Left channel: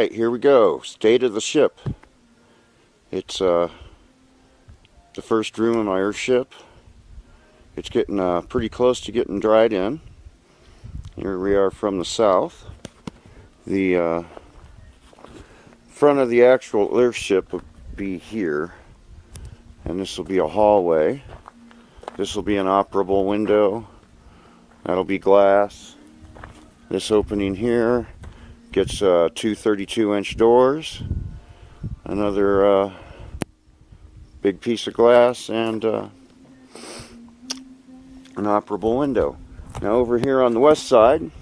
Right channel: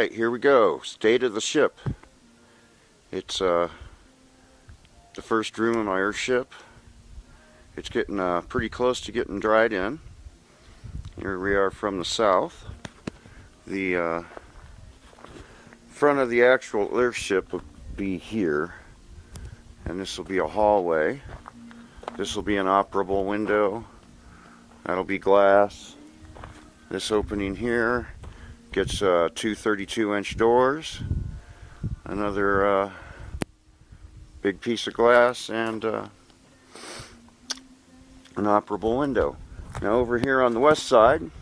Alright, here we go. State of the ship. It's the first room in my Earthship. It's getting pretty close to getting dried in. Here we are from the south. The front of the actual Earthship will be here, and this will be a hallway. This will be an operable window. That'll be glass. This opening here gets two 32-inch doors, another big piece of glass, and an operable window. Now over here on the west side,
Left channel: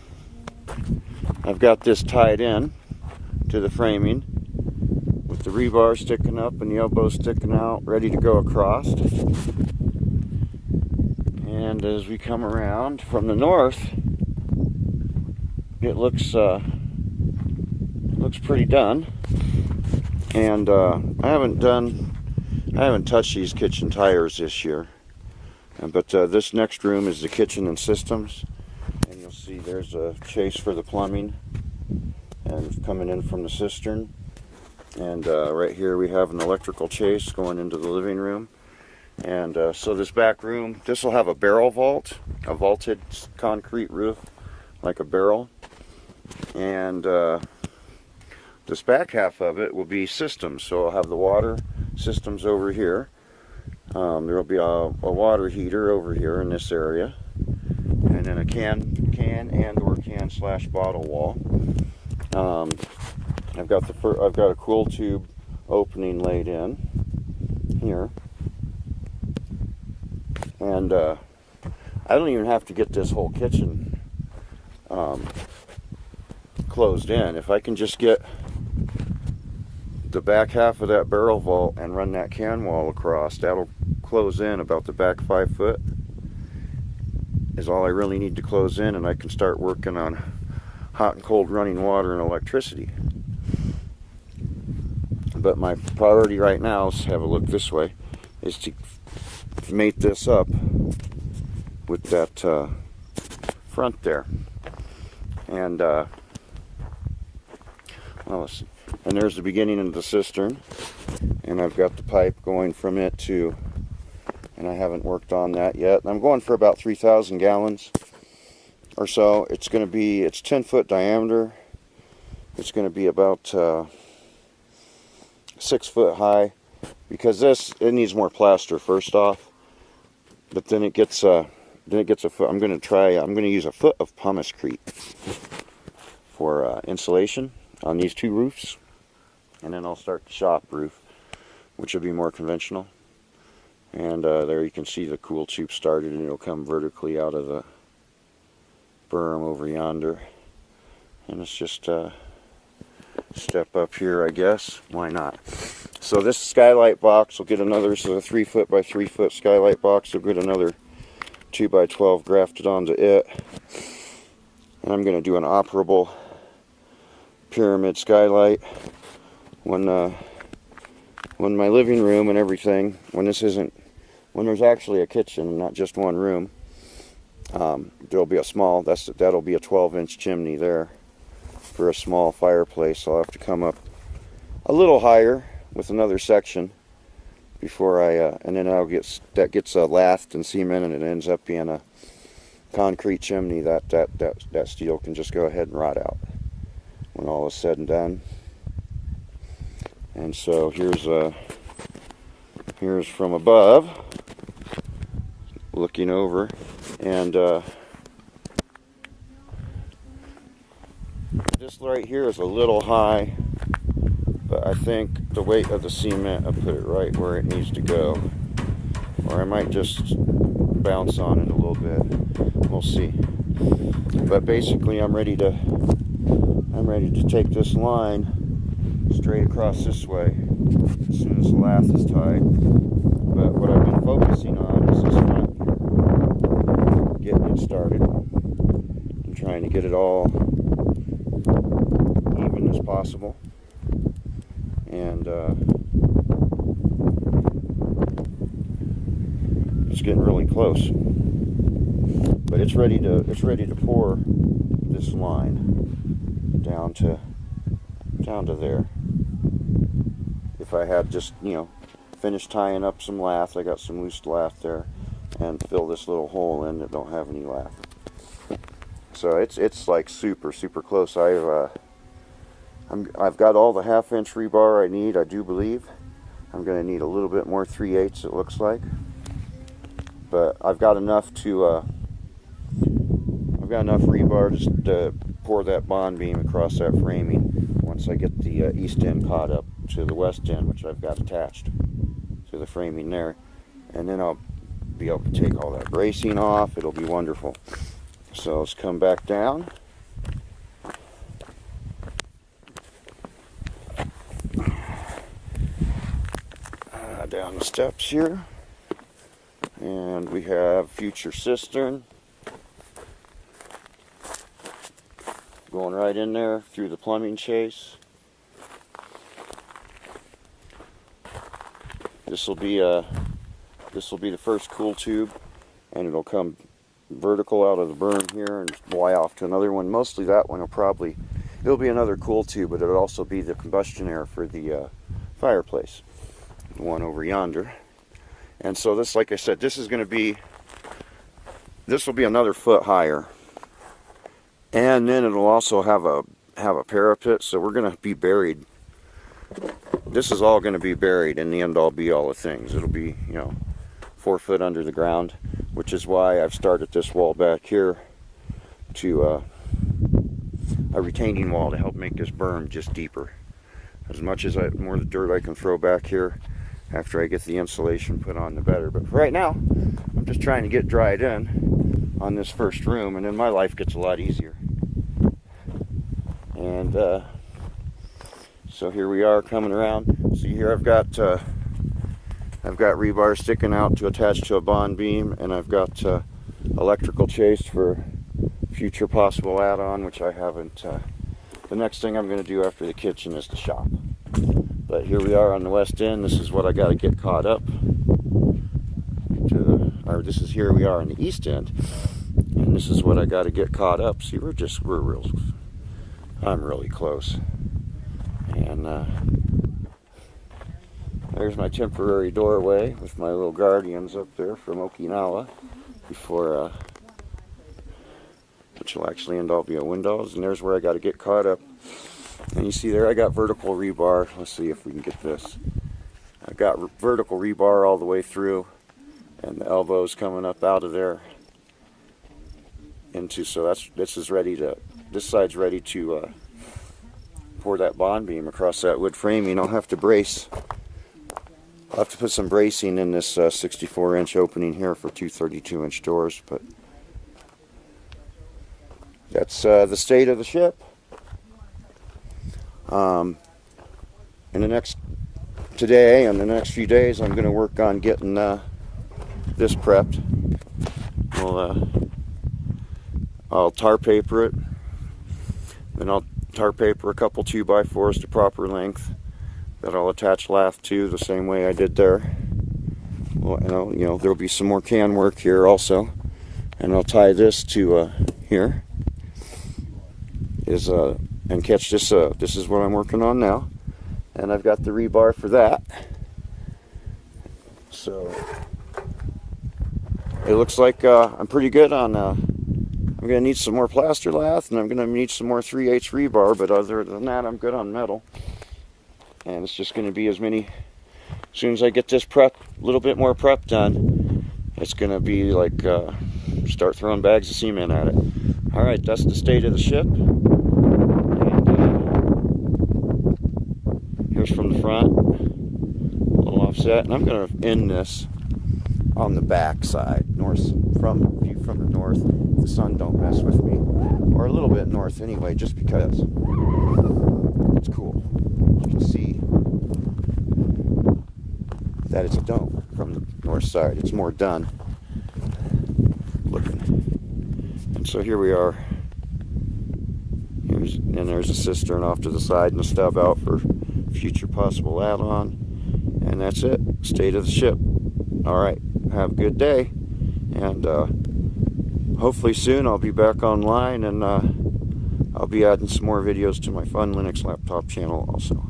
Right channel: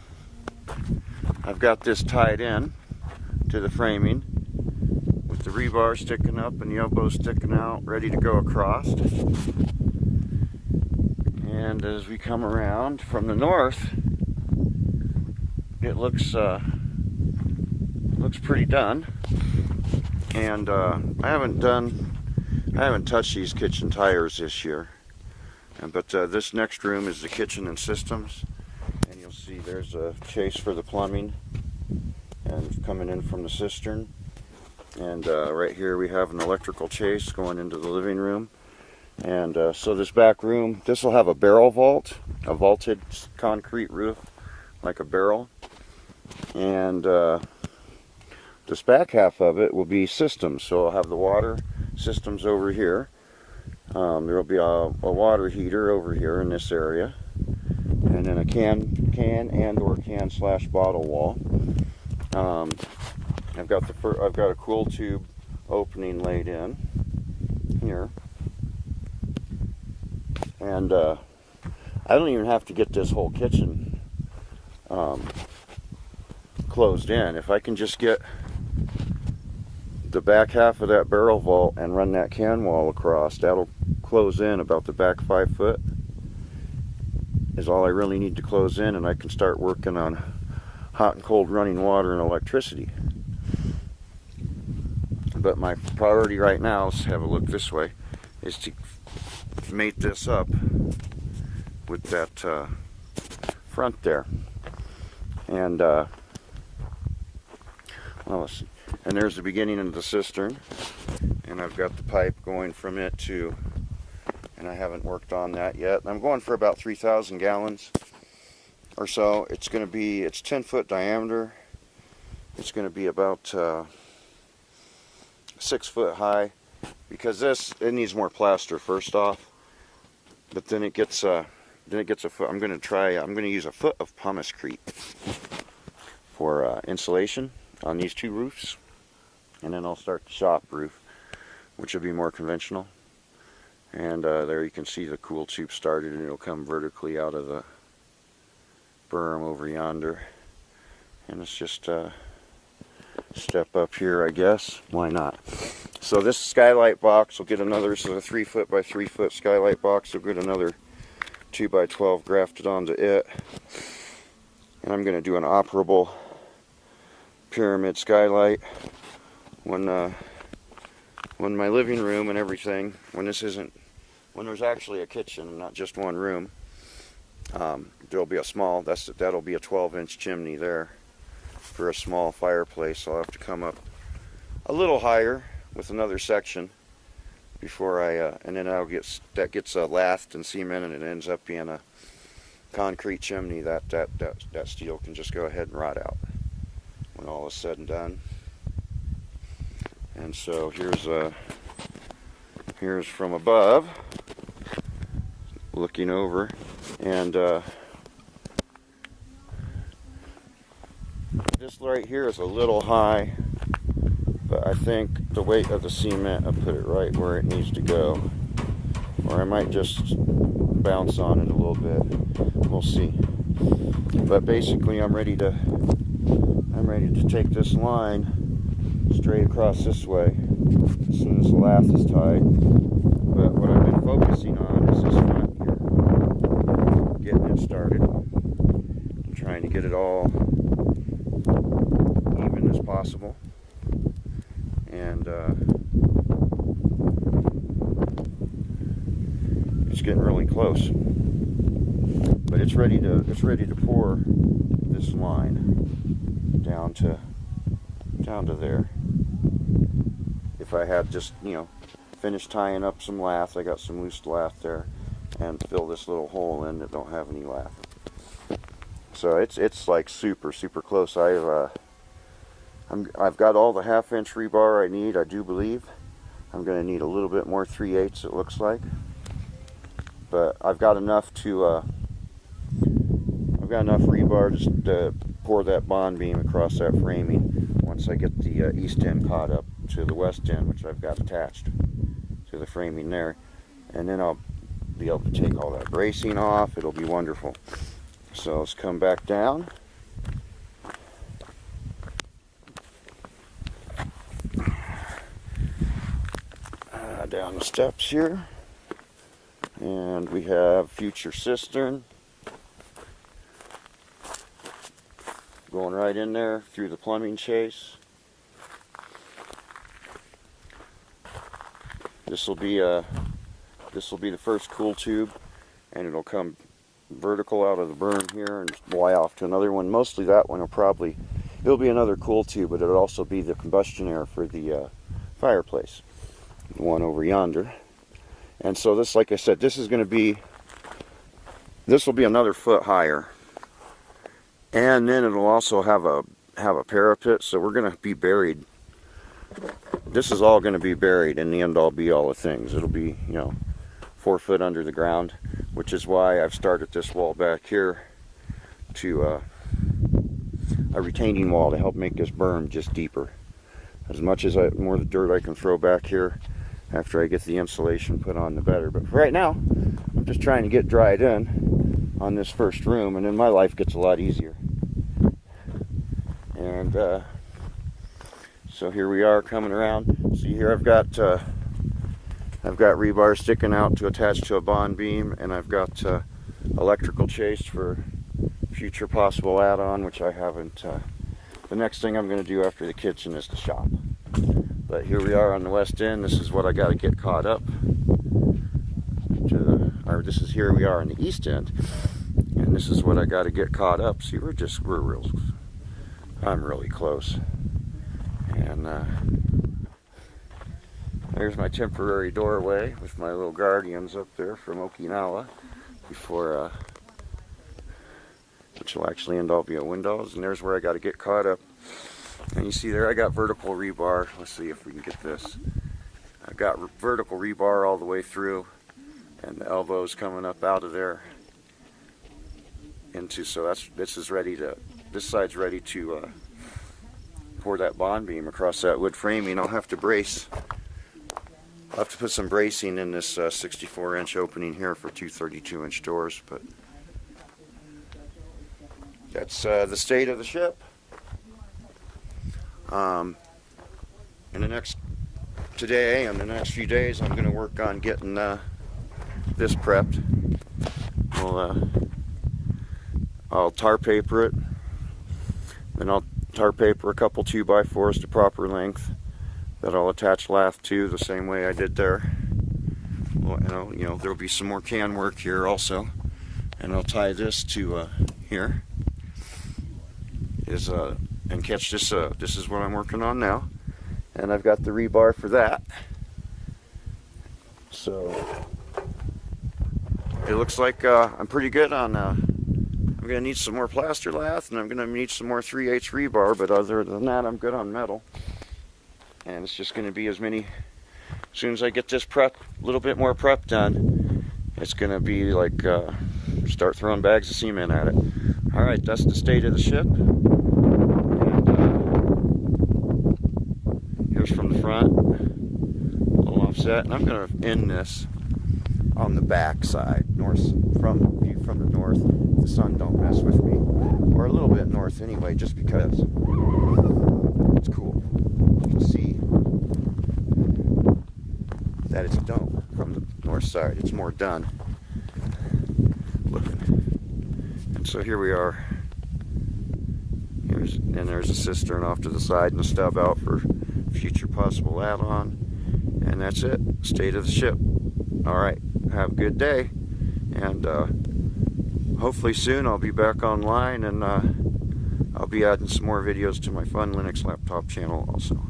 I've got this tied in to the framing with the rebar sticking up and the elbow sticking out, ready to go across. And as we come around from the north, it looks pretty done. And I haven't touched these kitchen tires this year. But this next room is the kitchen and systems, and you'll see there's a chase for the plumbing, and it's coming in from the cistern. And right here we have an electrical chase going into the living room. And so this back room, this will have a barrel vault, a vaulted concrete roof like a barrel. And this back half of it will be systems, so I'll have the water systems over here. There will be a water heater over here in this area, and then a can / bottle wall. I've got a cool tube opening laid in here, and I don't even have to get this whole kitchen closed in. If I can just get the back half of that barrel vault and run that can wall across, that'll close in about the back 5 foot is all I really need to close in, and I can start working on hot and cold running water and electricity. But my priority right now, let's have a look this way, is to mate this up with that front there. And well, let's see. And there's the beginning of the cistern, and I've got the pipe going from it to, and I haven't worked on that yet. I'm going for about 3,000 gallons or so. It's 10 foot diameter. It's going to be about 6 foot high, because it needs more plaster first off, but then it gets a foot. I'm going to use a foot of pumice-crete for insulation on these two roofs, and then I'll start the shop roof, which will be more conventional. And there you can see the cool tube started, and it'll come vertically out of the berm over yonder. And it's just step up here, I guess. Why not? So this skylight box will get another, so the 3 foot by 3 foot skylight box will get another 2 by 12 grafted onto it. And I'm going to do an operable pyramid skylight when my living room and everything, when there's actually a kitchen, not just one room, there'll be that'll be a 12-inch chimney there for a small fireplace. So I'll have to come up a little higher with another section before and then that gets lathed and cemented, and it ends up being a concrete chimney that steel can just go ahead and rot out when all is said and done. And so here's from above, looking over, and this right here is a little high, but I think the weight of the cement will put it right where it needs to go, or I might just bounce on it a little bit. We'll see. But basically, I'm ready to take this line straight across this way as soon as the lath is tied. But what I've been focusing on is this front here, getting it started. I'm trying to get it all even as possible, and it's getting really close. But it's ready to pour this line down to down to there. If I had just, finished tying up some lath, I got some loose lath there, and fill this little hole in that don't have any lath. So it's like super close. I've got all the 1/2-inch rebar I need, I do believe. I'm going to need a little bit more 3/8 it looks like, but I've got enough to rebar just to pour that bond beam across that framing once I get the east end caught up to the west end, which I've got attached to the framing there, and then I'll be able to take all that bracing off. It'll be wonderful. So let's come back down. Down the steps here, and we have future cistern going right in there through the plumbing chase. This will be the first cool tube, and it'll come vertical out of the berm here and fly off to another one. Mostly that one it'll be another cool tube, but it'll also be the combustion air for the fireplace, the one over yonder. And so this, like I said, this will be another foot higher, and then it'll also have a parapet. So we're going to be buried. This is all going to be buried in the end all be all of things. It'll be 4 foot under the ground, which is why I've started this wall back here to a retaining wall to help make this berm just deeper. As much as more of the dirt I can throw back here after I get the insulation put on, the better. But for right now, I'm just trying to get dried in on this first room, and then my life gets a lot easier. And so here we are coming around. See here, I've got rebar sticking out to attach to a bond beam, and I've got electrical chase for future possible add-on, which I haven't. The next thing I'm going to do after the kitchen is the shop. But here we are on the west end. This is what I got to get caught up to, or this is here we are on the east end, and this is what I got to get caught up. See, I'm really close. And there's my temporary doorway with my little guardians up there from Okinawa, before which will actually end all be a windows. And there's where I got to get caught up. And you see there, I got vertical rebar. Let's see if we can get this. I've got vertical rebar all the way through, and the elbows coming up out of there into. So this side's ready to pour that bond beam across that wood framing. I'll have to brace. I'll have to put some bracing in this 64-inch opening here for 2 32-inch doors. But that's the state of the ship. Today and the next few days, I'm going to work on getting this prepped. I'll tar paper it, then I'll tar paper a couple 2x4s to proper length that I'll attach lath to the same way I did there. Well, there'll be some more can work here also, and I'll tie this to here. And catch this. This is what I'm working on now, and I've got the rebar for that. So it looks like I'm pretty good on. I'm going to need some more plaster lath, and I'm going to need some more 3/8 rebar. But other than that, I'm good on metal. And it's just going to be as soon as I get this prep, a little bit more prep done, it's going to be like start throwing bags of cement at it. All right, that's the state of the ship. Here's from the front, a little offset, and I'm going to end this on the back side, view from the north. The sun don't mess with me, or a little bit north anyway, just because it's cool. You can see that it's a dome from the north side. It's more done looking. And so here we are. There's a cistern off to the side and a stub out for future possible add-on. And that's it. State of the ship. Alright, have a good day. And hopefully soon I'll be back online, and I'll I'll be adding some more videos to my Fun Linux Laptop channel also.